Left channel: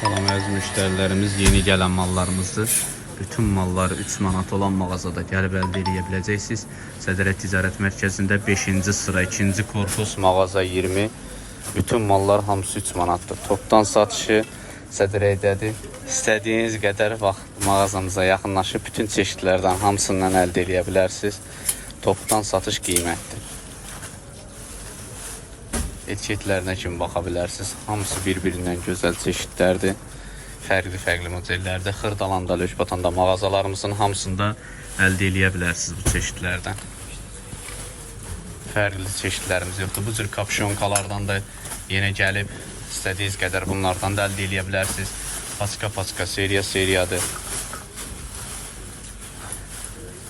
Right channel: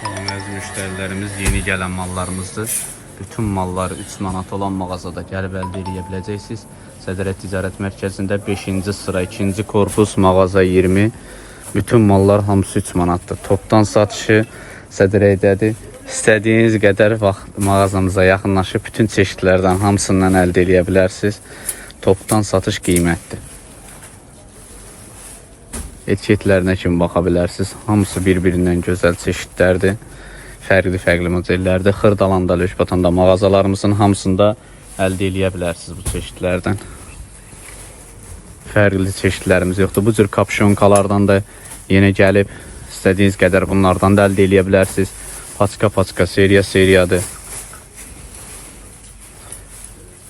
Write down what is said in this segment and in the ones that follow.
Salam əziz müştərilərimiz, yeni gələn mallarımızdır. Bütün malları 3 manat olan mağazada gəlib əldə edə biləcəksiniz. Sədrət Ticarət Mərkəzində 5-ci sıra 2-ci korpus mağaza 20. Bütün mallar hamısı 3 manatdır. Topdan satışı Sədrəydədir. İstədiyiniz qədər vaxt mağazamıza yaxınlaşıb bütün çeşidlərdən hamısından əldə edə bilərsiniz. Topdan satış qiymətdir. Etiketlərinə kimi baxa bilərsiniz. Hamısı bir-birindən gözəl çeşidlərdir. Fərqli-fərqli modellərdir. Xırdalanda, Lökbatanda mağazalarımızın hamısında əldə bilərsiniz bu çeşidlərdən. Fərqli çeşidlərimiz yoxdur. Bu cür kapşonkalardan da yenə gəlib istədiyiniz qədər bunlardan da əldə edə bilərsiniz. Paçka-paçka seriya seriyadır.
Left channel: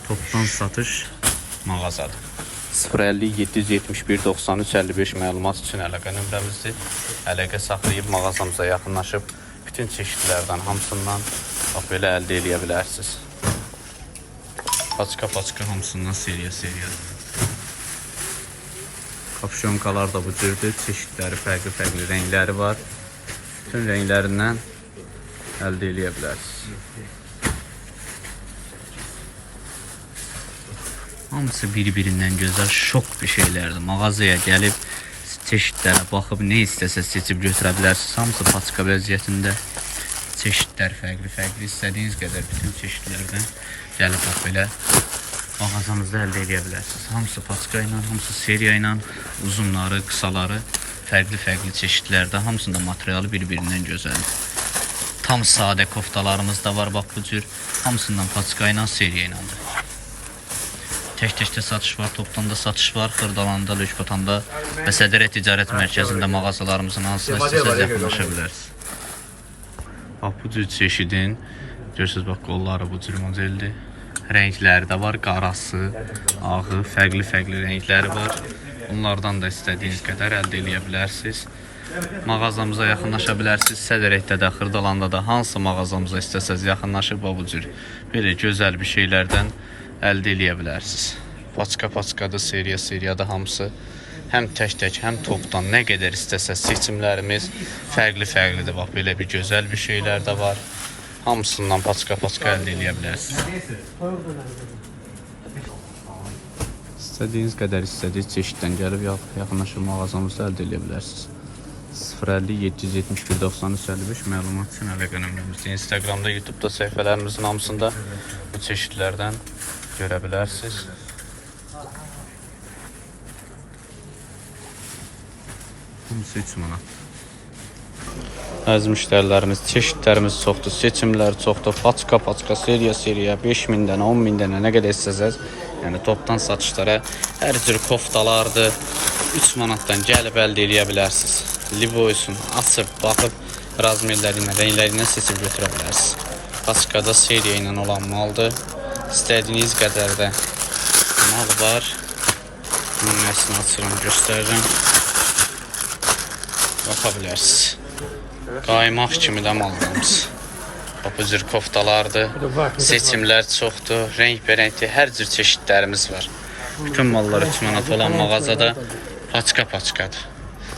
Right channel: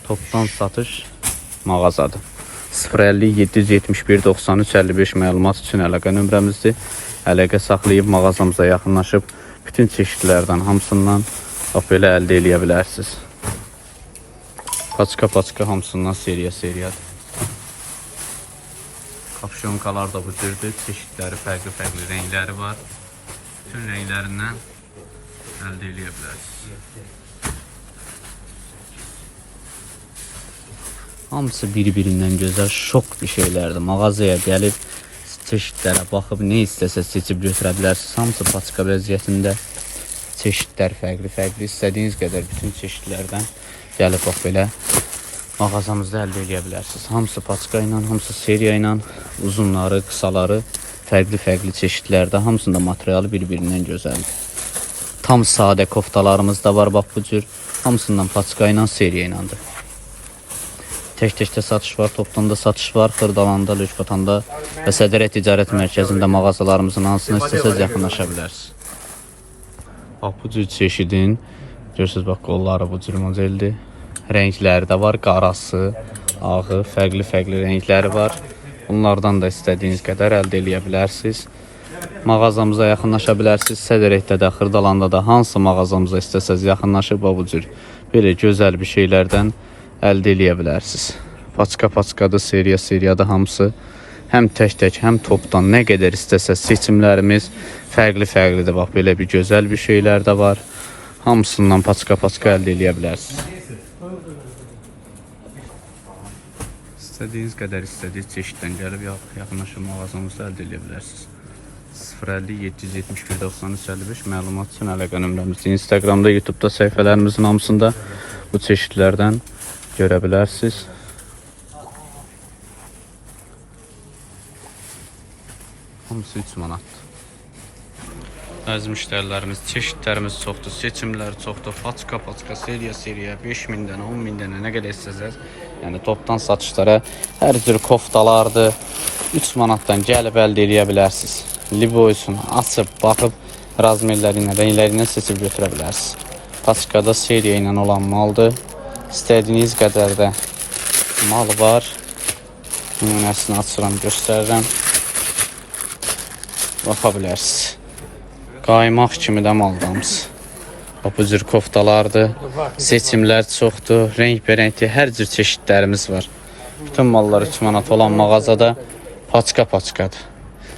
Topdan satış mağazadır. 050 771 93 55 məlumat üçün əlaqə nömrəmizdir. Əlaqə saxlayıb mağazamıza yaxınlaşıb bütün çeşidlərdən hamısından belə əldə edə bilərsiniz. Paçka-paçka hamısından seriya seriya. Kapşonkalar da bu cürdür. Çeşidləri fərqli-fərqli rəngləri var. Bütün rənglərindən əldə bilərsiniz. Hamısı bir-birindən gözəl şok bir şeylərdir. Mağazaya gəlib çeşidlərə baxıb nə istəsəz seçib götürə bilərsiniz. Hamısı paçka vəziyyətində. Çeşidlər fərqli-fərqli. İstədiyiniz qədər bütün çeşidlərdən gəlib bax belə mağazamızda əldə edə bilərsiniz. Hamısı paçka ilə, hamısı seriya ilə, uzunları, qısaları fərqli-fərqli çeşidlərdə. Hamısında materialı bir-birindən gözəldir. Tam sadə koftalarımız da var bax bu cür. Hamısından paçka ilə, seriya iləndir. Tək-təkdə satış var, topdan da satış var, Xırdalanda, Lökbatanda və Sədərət Ticarət Mərkəzində mağazalarımızın hansına istəsəz yaxınlaşa bilərsiniz. Bax bu cür çeşidin, görürsüz bax qolları bu cür modeldir. Rəngləri də var, qarası, ağı, fərqli-fərqli rəngləri var. Bunlardan da istədiyiniz qədər əldə edə bilərsiniz. Mağazamıza yaxınlaşa bilərsiniz. Sədərəkdə də, Xırdalanda da hansı mağazamıza istəsəz yaxınlaşıb bu cür belə gözəl bir şeylərdən əldə edə bilərsiniz. Paçka-paçkadır, seriya-seriyadır hamısı. Həm tək-tək, həm topdan nə qədər istəsəz seçimlərimiz fərqli-fərqlidir. Bax belə bir gözəl bir şeylər də var. Hamısından paçka-paçka əldə edə bilərsiniz. İstədiyiniz qədər istədiyiniz çeşiddən gəlib yax- yaxınlaşıb mağazamızda əldə edə bilərsiniz. 050 771 93 55 məlumat üçün əlaqə nömrəmizdir. Instagramda, YouTube-da səhifələrimizin hamısında bu çeşidlərdən görə bilərsiniz. Hamısı 3 manat. Əziz müştərilərimiz, çeşidlərimiz çoxdur, seçimlər çoxdur. Paçka, paçka, seriya, seriya, 5000 dənə, 10 min dənə nə qədər istəsəz, yəni topdan satışlara hər cür koftalardır. 3 manatdan gəlib əldə edə bilərsiniz. Liboysun, açıb, baxıb razmerləri ilə, rəngləri ilə seçib götürə bilərsiniz. Paçkada seriya ilə olan maldır. İstədiyiniz qədər də mal var. Nümunəsini açıram, göstərirəm. Baxa bilərsiniz. Qaymaq kimi də mallarımız. Bax, Bu cür koftalardır. Seçimlər çoxdur. Rəngbərəngli hər cür çeşidlərimiz var. Bütün mallar 3 manat olan mağazada paçka-paçkadır.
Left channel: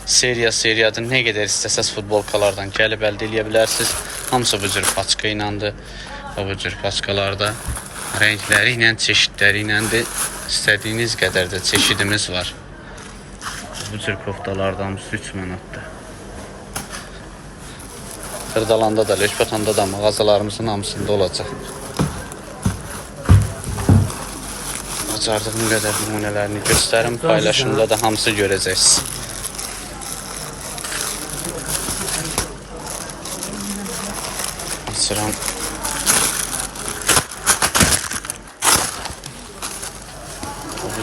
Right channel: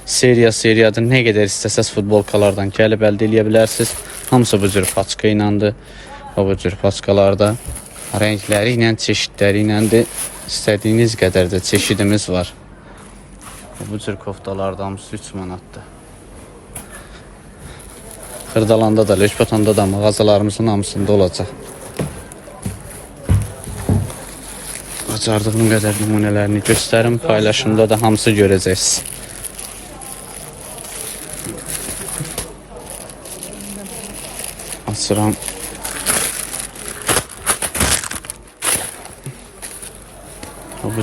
Seriya seriyadır. Nə qədər istəsəz futbolkalardan gəlib əldə edə bilərsiniz. Hamısı bu cür paçka. Və bu cür paçkalarda rəngləri ilə, çeşidləri iləndir. İstədiyiniz qədər də çeşidimiz var. Bu cür koftalarda hamısı 3 manatdır. Kırdalanda da, Lökbatanda da mağazalarımızın hamısında olacaq. Bacardığım qədər nümunələrini göstərim, paylaşımda da hamısı görəcəksiniz. Açıram.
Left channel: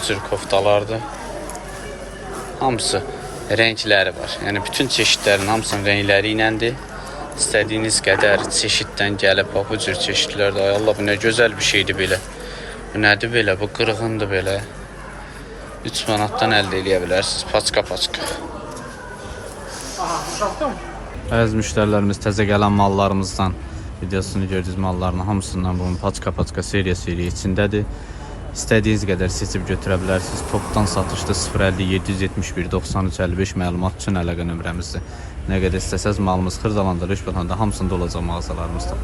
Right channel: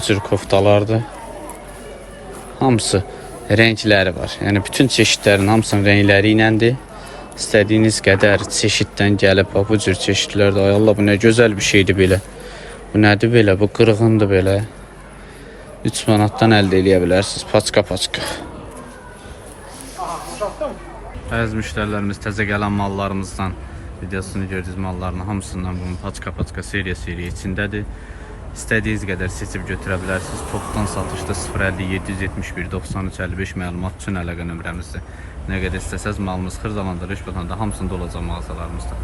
Bu cür koftalardır. Hamısı rəngləri var. Yəni bütün çeşidlərin hamısının rəngləri iləndir. İstədiyiniz qədər çeşiddən gəlib bax, bu cür çeşidlər Allah bu nə gözəl bir şeydir belə. Bu nədir belə? Bu qırğındır belə. 3 manatdan əldə edə bilərsiniz. Paçka paçka. Əziz müştərilərimiz təzə gələn mallarımızdan videosunu gördüyünüz malların hamısından bunun paçka paçka seriya seriya içindədir. İstədiyiniz qədər seçib götürə bilərsiniz. Topdan satışda 050 771 93 55 məlumat üçün əlaqə nömrəmizdir. Nə qədər istəsəz malımız Xırdalanında, Rüşbətanda hamısında olacaq mağazalarımızda.